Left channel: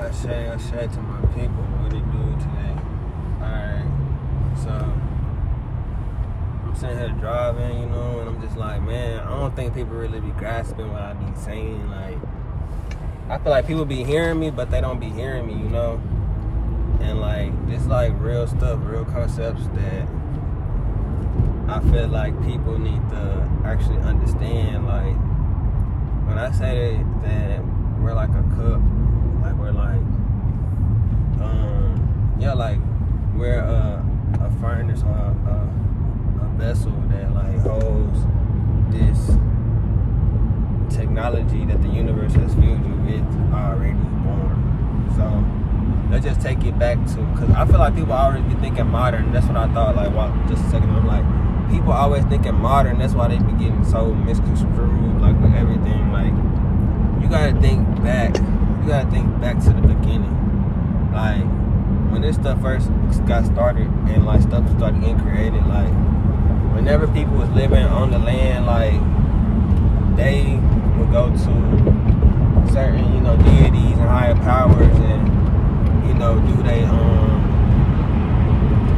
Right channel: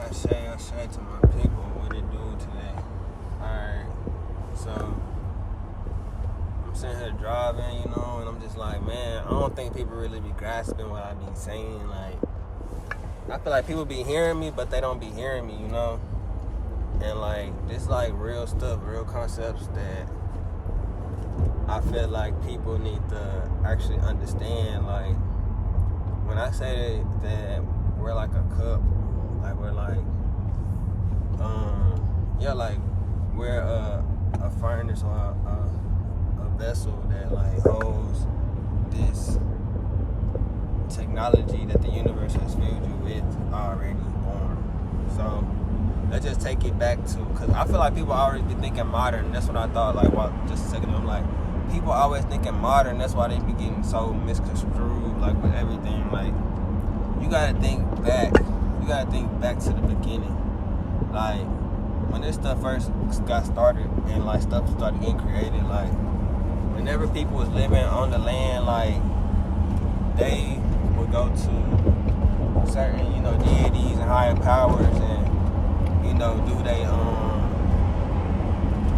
I say to my people what it do today. Alright, so I'm sitting here driving, and I'm just like, man, I don't think people really be grasping what I be saying. Like, I feel like people be hearing me, but they don't be hearing me, And like, this like real stuff, real concepts that I feel like people need to actually understand. Like, when I say that we're like a cup, like we're like, like we're a furnace or a vessel that like holds this technology that the universe has filled you with already born. So let's just take it back to, because I feel like people always be thinking modern. That's what I thought. Like, just a second, I'm like, people always thinking modern. That's why they be getting so misconstrued, like with everything. Like, you gotta think back. You gotta think back to the beginning. Like, when this stuff first got started and like stuff started getting created, like whenever people was living on the land, like they would go to certain, deities and higher powers and,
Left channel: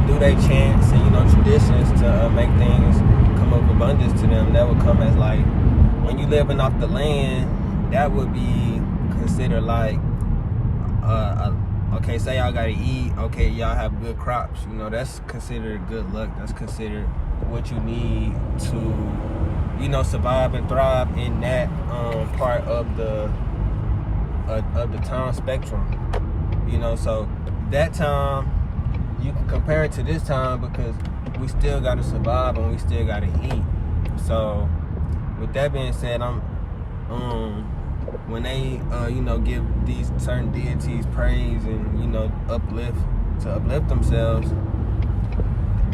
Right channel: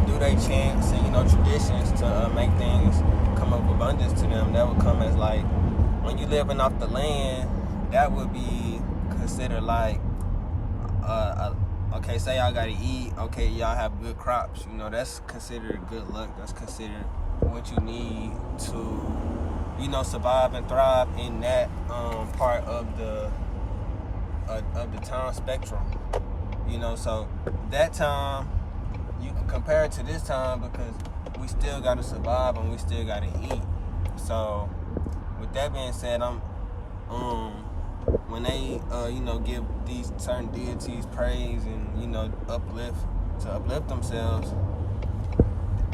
do they chants and, traditions to make things come up abundance to them. That would come as like, when you living off the land, that would be considered like okay, say y'all gotta eat, okay, y'all have good crops, that's considered good luck. That's considered what you need to, survive and thrive in that part of the time spectrum. So that time you can compare it to this time because we still gotta survive and we still gotta eat. So with that being said, when they give these certain deities praise and uplift themselves,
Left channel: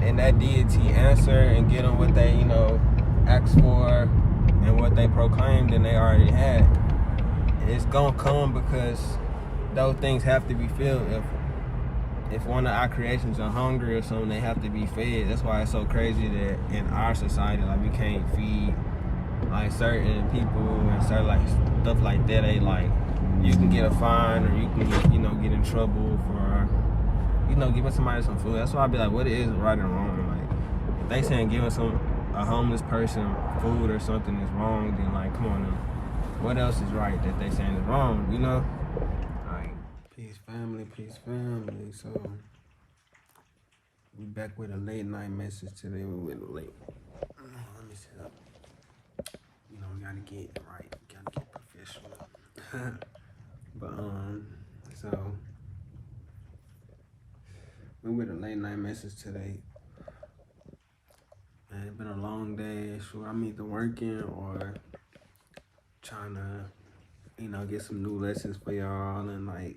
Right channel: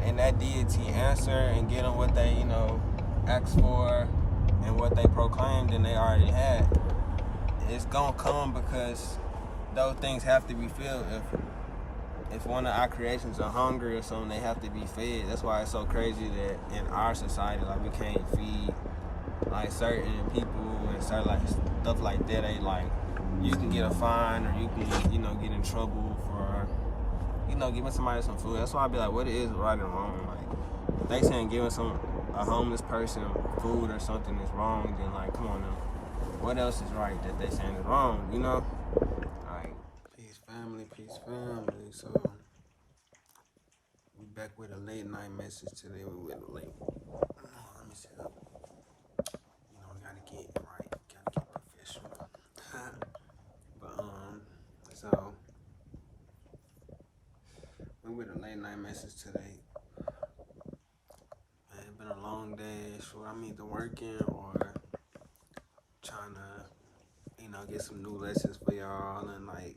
and that deity answer and get them what they asked for and what they proclaimed and they already had, it's gonna come because those things have to be filled. If one of our creations are hungry or something, they have to be fed. That's why it's so crazy that in our society, like, we can't feed like certain people and certain like stuff like that. They like, you can get a fine or you can get in trouble for giving somebody some food. That's why I be like, what is right and wrong? Like, if they saying giving a homeless person food or something is wrong, then like, come on now, what else is right that they saying is wrong? Like, peace family. So we back with a late night message today. We went late. Let me set up. We gotta get it right. Gotta get professional. But so we with a late night message today. Man, it's been a long day. Sure, I'm either working or trying to, get some new lessons for y'all and like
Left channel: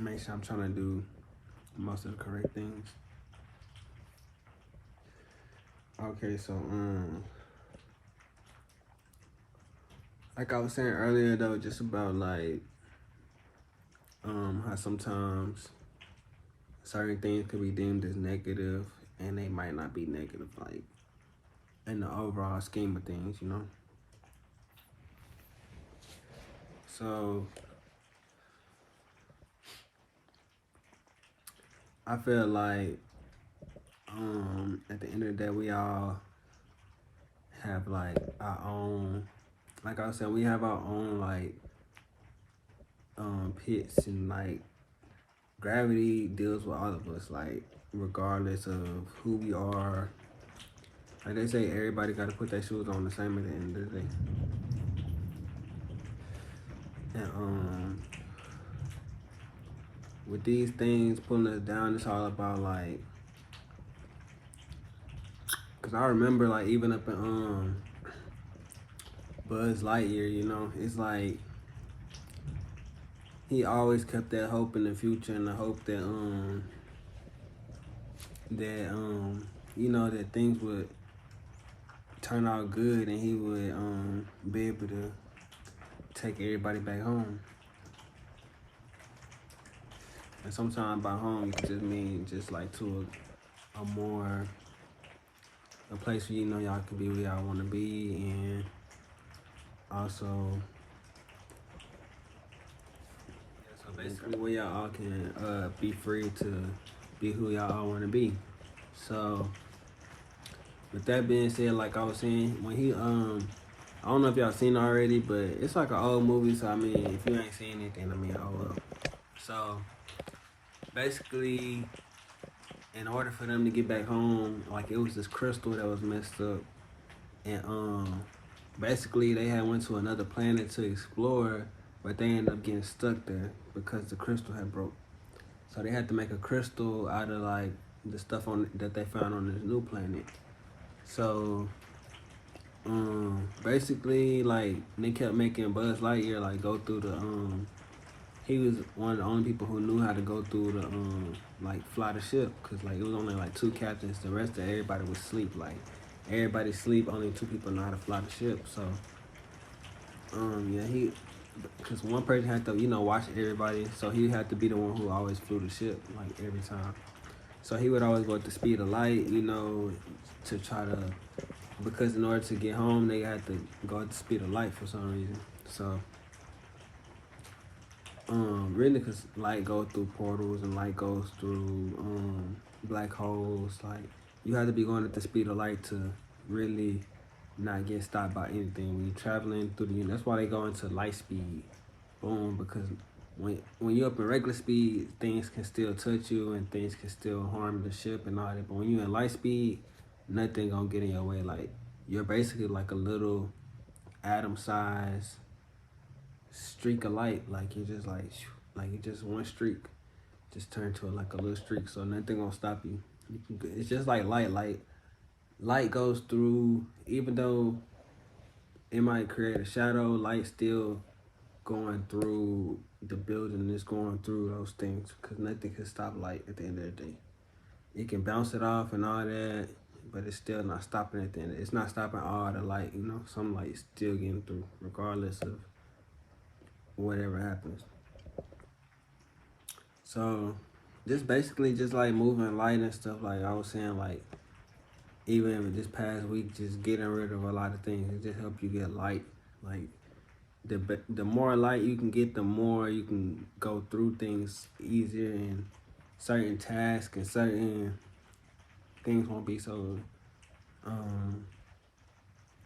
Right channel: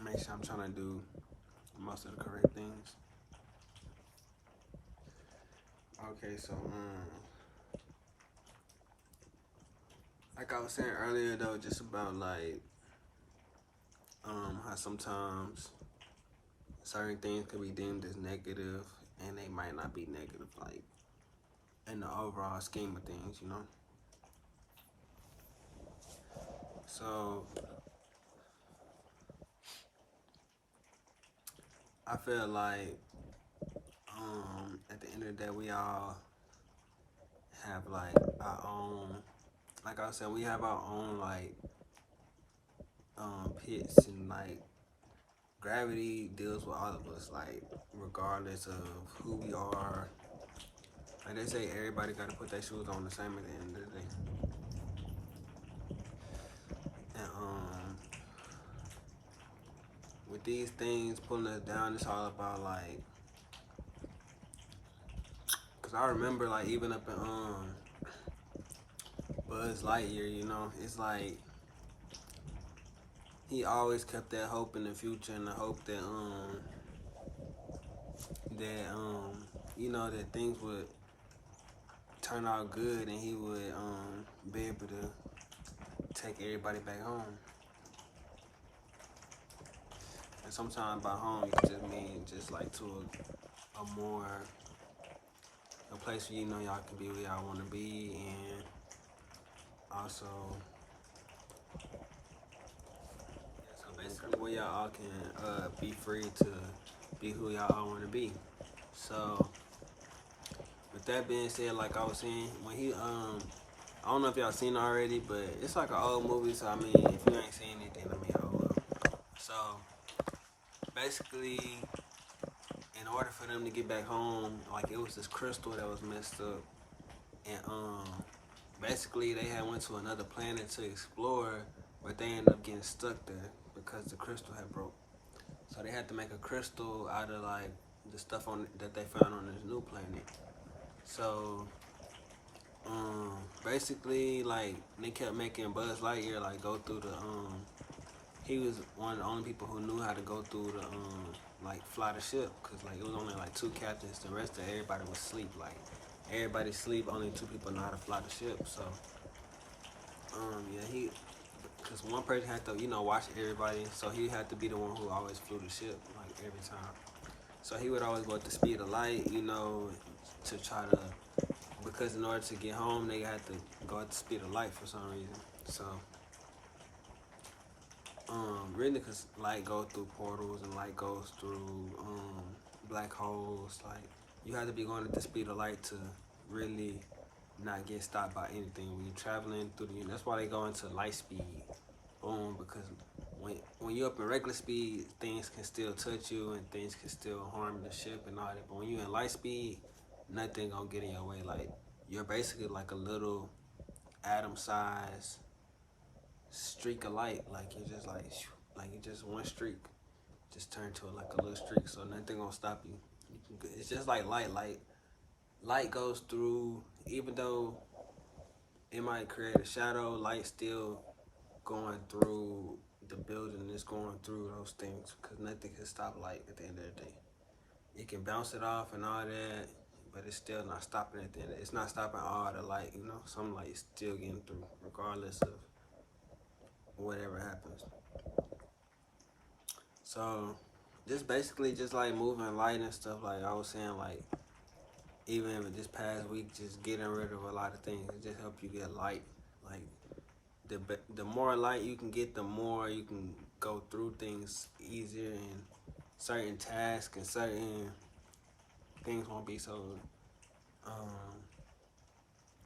make sure I'm trying to do most of the correct things. Okay, so like I was saying earlier though, just about like how sometimes certain things could be deemed as negative and they might not be negative, like in the overall scheme of things, So I feel like at the end of the day, we all have like our own, like I said, we have our own like pits, and like gravity deals with all of us, like regardless of who we are. Like they say, everybody got to put their shoes on the same at the end of the day. And with these things pulling us down, it's all about like, cause I remember like even up in Buzz Lightyear, it's like he always kept that hope in the future and the hope that that things would turn out good and he would be able to take everybody back home. And sometimes by home you just mean just like to a place where y'all can be where y'all want to be, and also basically where y'all all can be free to be who y'all all want to be. So with that being said, like I was saying, when he I don't know if y'all seen it already, but it's like an old movie, so I mean, if you ain't seen it, then I mean, oh well. So basically, in order for them to get back home, like it was this crystal that was messed up, and basically they had went to another planet to explore, but they ended up getting stuck there because the crystal had broke. So they had to make a crystal out of like the stuff on that they found on this new planet. So basically like they kept making Buzz Lightyear like go through the he was one of the only people who knew how to go through the like fly the ship, because like it was only like two captains, the rest of everybody was asleep. Like everybody sleep, only two people know how to fly the ship. So yeah, he, because one person had to, you know, watch everybody, so he had to be the one who always flew the ship like every time. So he would always go at the speed of light, you know, to try to, because in order to get home they had to go at the speed of light for some reason. So really, because light goes through portals and light goes through black holes. Like you have to be going at the speed of light to really not get stopped by anything when you're traveling through the universe. That's why they go into light speed. Boom, because when you're up in regular speed, things can still touch you and things can still harm the ship and all that. But when you're in light speed, nothing gonna get in your way. Like you're basically like a little atom size streak of light. Like you're just like you just one streak just turn to like a little streak, so nothing gonna stop you. It's just like light goes through, even though it might create a shadow, light still going through the building, is going through those things, because nothing can stop light at the end of the day. It can bounce it off and all that, but it's still not stopping at the end. It's not stopping all the light, you know. Some light is still getting through regardless of whatever happens. So just basically just like moving light and stuff, like I was saying, like even this past week, just getting rid of a lot of things, it just help you get light. Like the more light you can get, the more you can go through things easier, and certain tasks and certain things won't be so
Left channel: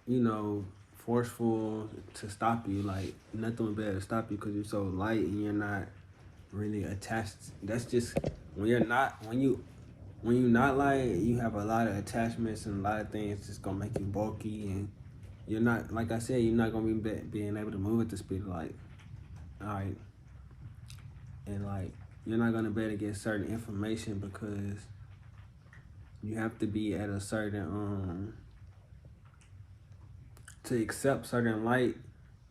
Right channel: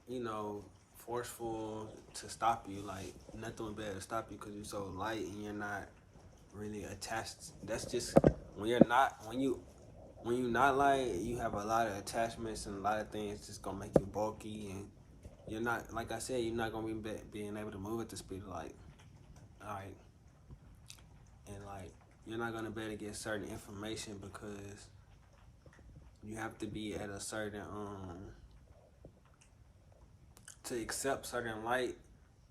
you know, forceful to stop you. Like nothing will be able to stop you because you're so light and you're not really attached. That's just when you're not light, you have a lot of attachments and a lot of things just gonna make you bulky, and you're not, like I said, you're not gonna be being able to move at the speed of light. All right, and like you're not gonna be able to get certain information because you have to be at a certain to accept certain light.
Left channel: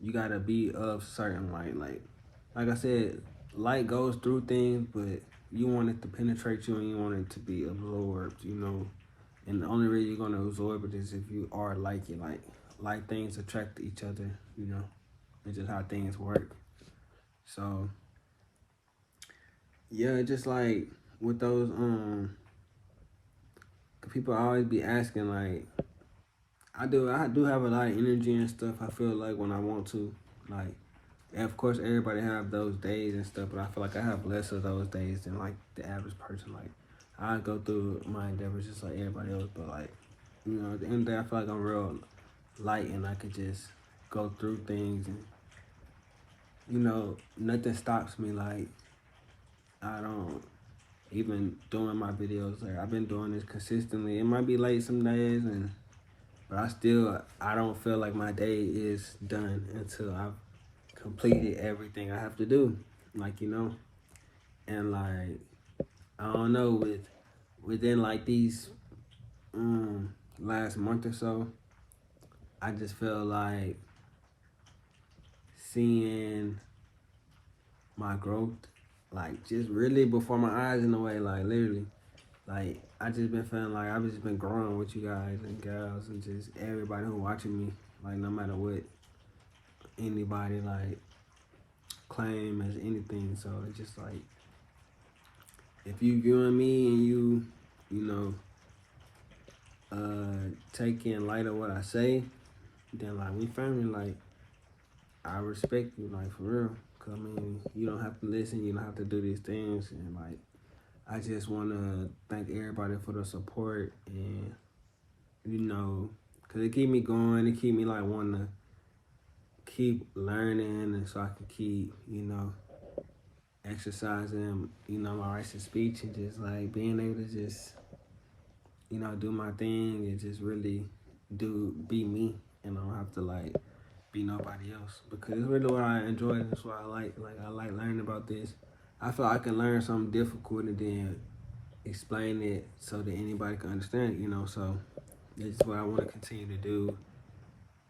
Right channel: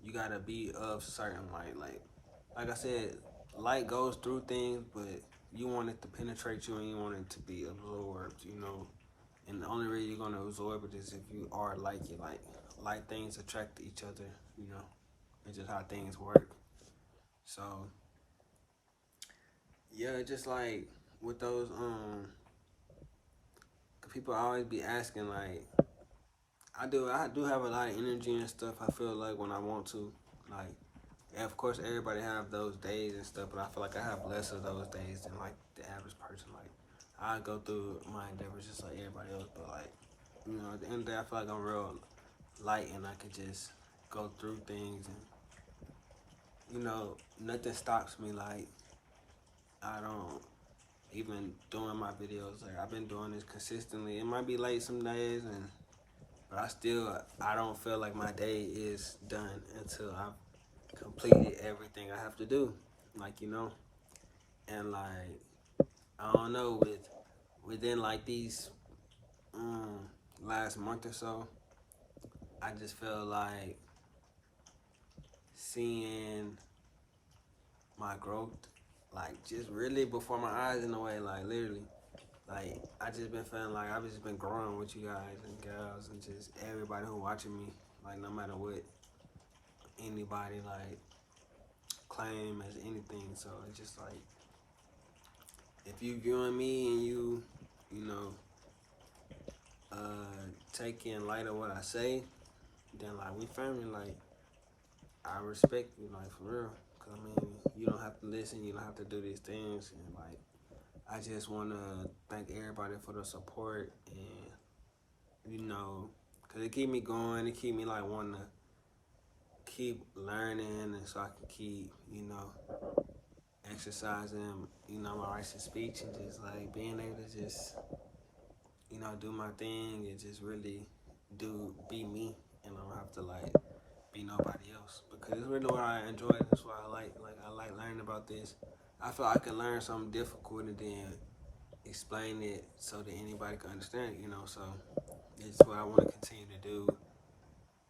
You gotta be of certain light. Like I said, light goes through things, but you want it to penetrate you and you want it to be absorbed, you know. And the only way you're gonna absorb it is if you are like it. Like things attract each other, you know. It's just how things work. So yeah, just like with those people always be asking, like I do have a lot of energy and stuff, I feel like, when I want to. Like, and of course everybody have those days and stuff, but I feel like I have less of those days than like the average person. Like I go through my endeavors just like everybody else, but like, you know, at the end of the day I feel like I'm real light and I could just go through things, and you know, nothing stops me. Like I don't even doing my videos, like I've been doing this consistently. It might be late some days, but I don't feel like my day is done until I've completed everything I have to do. Like, you know, and like I don't know, within like these last month or so, I just feel like seeing my growth, like just really before my eyes in a way, like literally. Like I just been feeling like I've just been growing with you guys and gals and just everybody who watching me, like no matter what anybody like claim as anything. So it's just like, if you viewing me and you know, take in light of what I say, then like we family. Like I respect you, like for real. Cause I mean, you don't have have to listen, you don't have to do these things. And like, I just want to thank everybody for the support, and you know, cause it keep me going, it keep me like wanting to keep learning, and so I can keep, you know, exercising, you know, my rights of speech, and just like being able to just, you know, do my thing and just really be me, and I don't have to like be nobody else, because it's really what I enjoy. That's what I like. Like, I like learning about this. I feel I can learn something difficult and then explain it so that anybody can understand it, you know. So it's what I want to continue to do,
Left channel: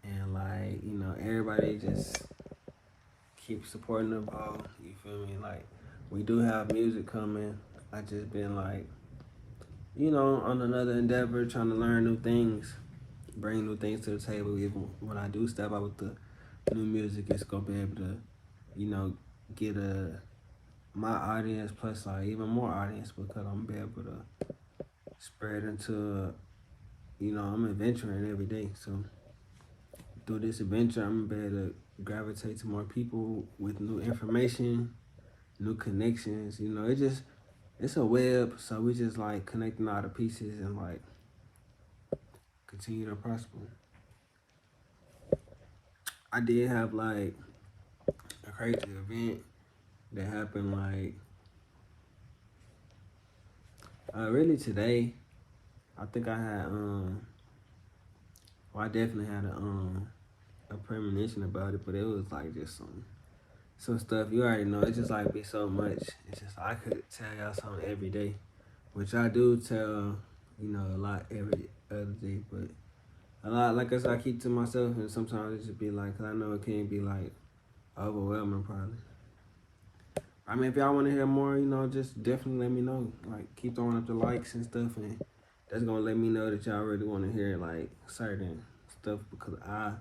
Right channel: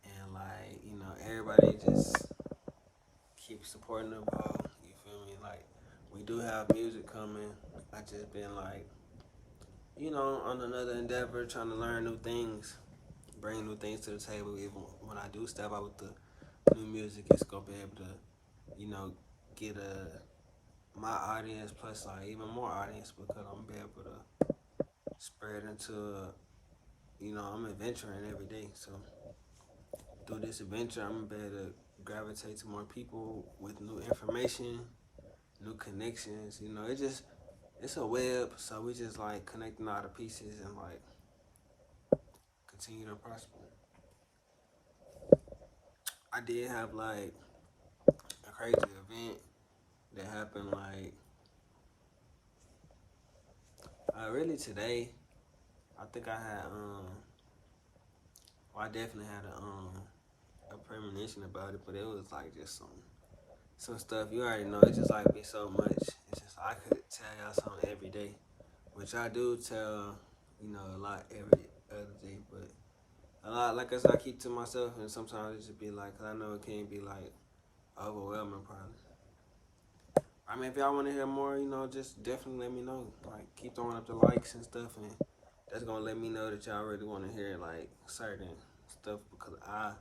and like, you know, everybody just keep supporting the ball. You feel me? Like, we do have music coming. I just been like, you know, on another endeavor, trying to learn new things, bring new things to the table. Even when I do step out with the new music, it's gonna be able to, you know, get my audience plus like even more audience, because I'm gonna be able to spread into, you know, I'm adventuring every day. So through this adventure, I'm gonna be able to gravitate to more people with new information, new connections. You know, it's a web, so we just like connecting all the pieces and like continue to prosper. I did have like a crazy event that happened like really today. I think I had well, I definitely had a premonition about it, but it was like just some stuff you already know. It's just like be so much. It's just I could tell y'all something every day, which I do tell, you know, a lot every other day, but a lot, like I said, I keep to myself, and sometimes it just be like, 'cause I know it can be like overwhelming probably. I mean, if y'all want to hear more, you know, just definitely let me know. Like, keep throwing up the likes and stuff, and that's gonna let me know that y'all really want to hear like certain stuff, because I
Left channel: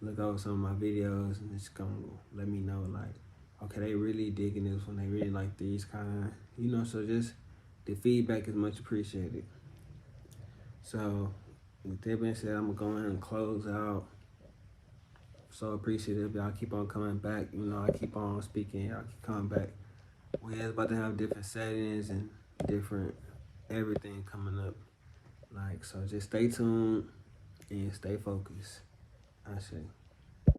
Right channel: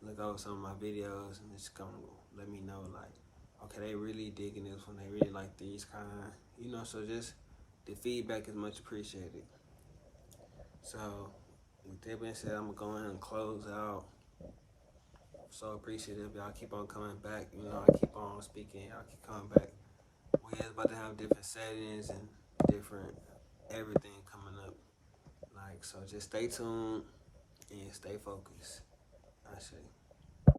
look over some of my videos and it's gonna let me know like, okay, they really digging this one, they really like these kind, you know. So just the feedback is much appreciated. So with that being said, I'm gonna go ahead and close out. So appreciative, y'all keep on coming back. You know, I keep on speaking, y'all keep coming back. We're about to have different settings and different everything coming up. Like, so just stay tuned and stay focused. I say.